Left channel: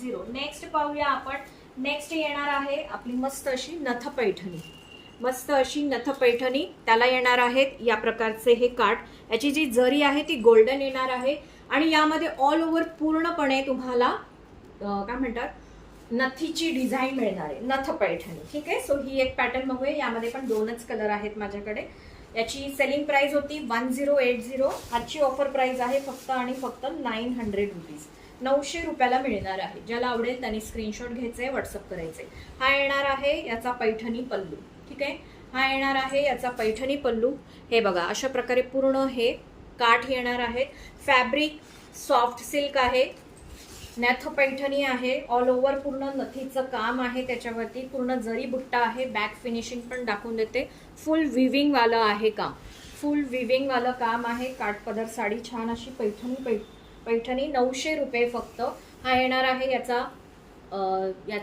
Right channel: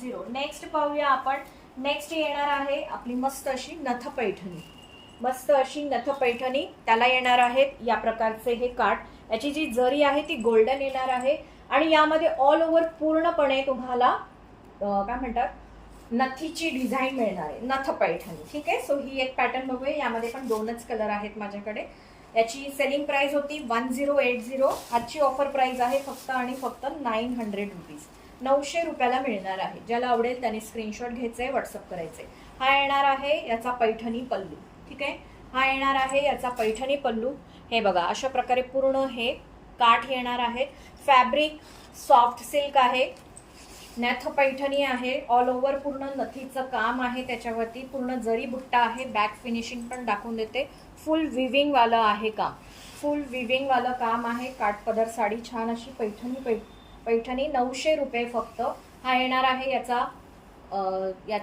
980। Next पाहूया आपण। Next येणार आहे आपली मस्त अशी नथ पैठणी, मस्त अशी नथ पैठणी, त्याला येणार आहेत या प्रकारचे हे काठ, याची जी जरी आहे ती गोल्डन येणार आहे आणि यामध्ये ऑल ओव्हर पूर्णपणे तुम्हाला काय म्हणतात नथीची डिझाईन मिळणार आहे, नथ पैठणी। ठीक आहे, सो ही एक पॅटर्न बघूया, यामध्ये पण दोनच कलर आहेत माझ्याकडे। याची सेलिंग प्राइस होती 1080, आजची ऑफर प्राइस आहे फक्त आणि फक्त 900 रुपीज, 900 रुपयाला मिळणार आहे। ज्याला आवडेल त्याने स्क्रीनशॉट घ्यायचे, व्हॉट्सअप करायचे। हा येणार आहे याचा पैठणी पल्लू। ठीक आहे, हा येणार आहे याचा पैठणी पल्लू। हे बघा अशा प्रकारे पूर्ण हे काठ येणार आहे, फॅब्रिक सॉफ्ट सिल्क आहे, नथ पैठणी आहे, ऑल ओव्हर पूर्ण नथीचं काम आहे, त्याच्यावरती पूर्ण जरी बुट्टा आहे, बॅक फिनिशिंग पण दाखवून देते, फुल विविंग वाला आहे काम, फुल विविंग वाला काम आहे। काठपदर साडी छान अशी पैठणी 900 रुपये फक्त। हा येणार आहे याचा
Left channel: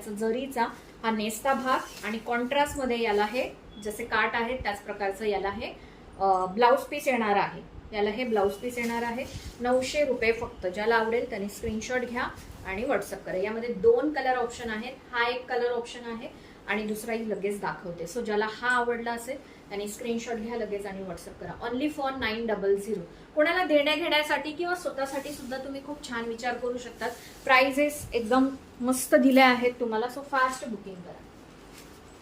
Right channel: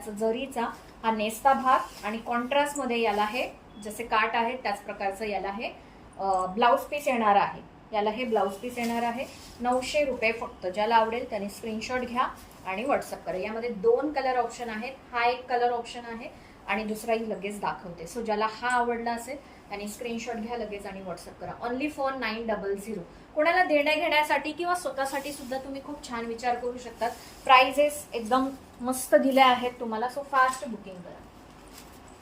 जरीचा हा नेस्ता भाग आणि कॉन्ट्रास्ट मध्ये याला हे जसे काठ आहे त्याच प्रकारचं याला हे ब्लाउज पीस येणार आहे, याला हे ब्लाउज पीस येणार आहे 900 रुपये फक्त। ज्याला आवडेल त्याने स्क्रीनशॉट घ्या आणि व्हॉट्सअप करा। यामध्ये दोन कलर ऑप्शन आहेत, हा एक कलर ऑप्शन आहे आणि दुसराही लगेच दाखवते। सो ज्याला हा आवडला असेल त्याने स्क्रीनशॉट घ्या लगेच आणि व्हॉट्सअप करा। Only for 900। कोणाला देण्या घेण्यासाठी किंवा स्वतःसाठी सुद्धा तुम्ही खूप छान विचार करू शकतात। प्राइजेस एकदम मस्त दिल्या आहेत तुम्हाला, सो फास्ट बुकिंग करा।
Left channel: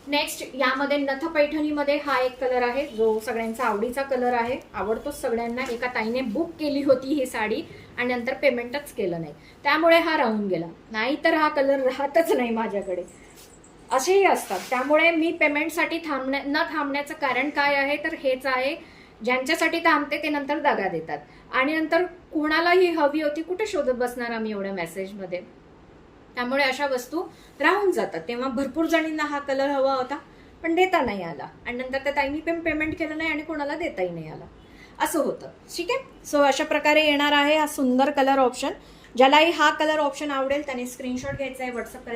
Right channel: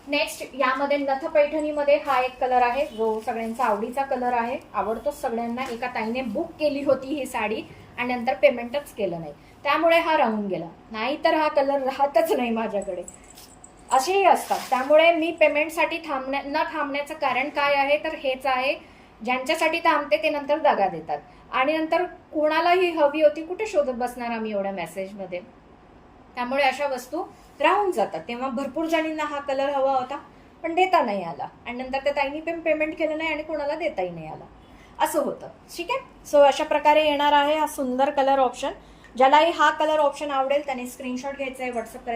नेक्स्ट यामध्ये नथ पैठणीमध्ये हा एक कलर आहे जो सगळ्यांचा आवडीचा कलर आहे, आवडतो सगळ्यांना। एका ताईने बुक केली होती ही साडी आणि नंतर पेमेंटच केलं नाही, त्यामुळे हा राहून गेला, नाहीतर हा कलर राहतच नाही माझ्याकडे, असेही असतात। त्यामुळे मी पेमेंटसाठी न थांबण्याचं कारण काय आहे तर हेच आहे, ज्यांच्यासाठी थांबते ते नंतर दगा देतात आणि नंतर कोणालाही हवी होती कुठे शोधत बसणार आम्ही एवढ्या मेसेजमध्ये, त्यामुळे अशा वस्तू राहून जातात। तेव्हा भरपूर जणींना हा कलर हवा होता पण देता नाही आला आणि नंतर त्या ताईंनी पण पेमेंट केलं नाही आणि कोणाला देताही नाही आला, असं होतं। ठीक आहे, सो अशा प्रकारे येणार आहे हा सुंदर कलर ऑप्शन। ज्यालाही हा कलर ऑप्शन आवडेल त्याने स्क्रीनशॉट घ्यायचा आहे, व्हॉट्सअप करायचा।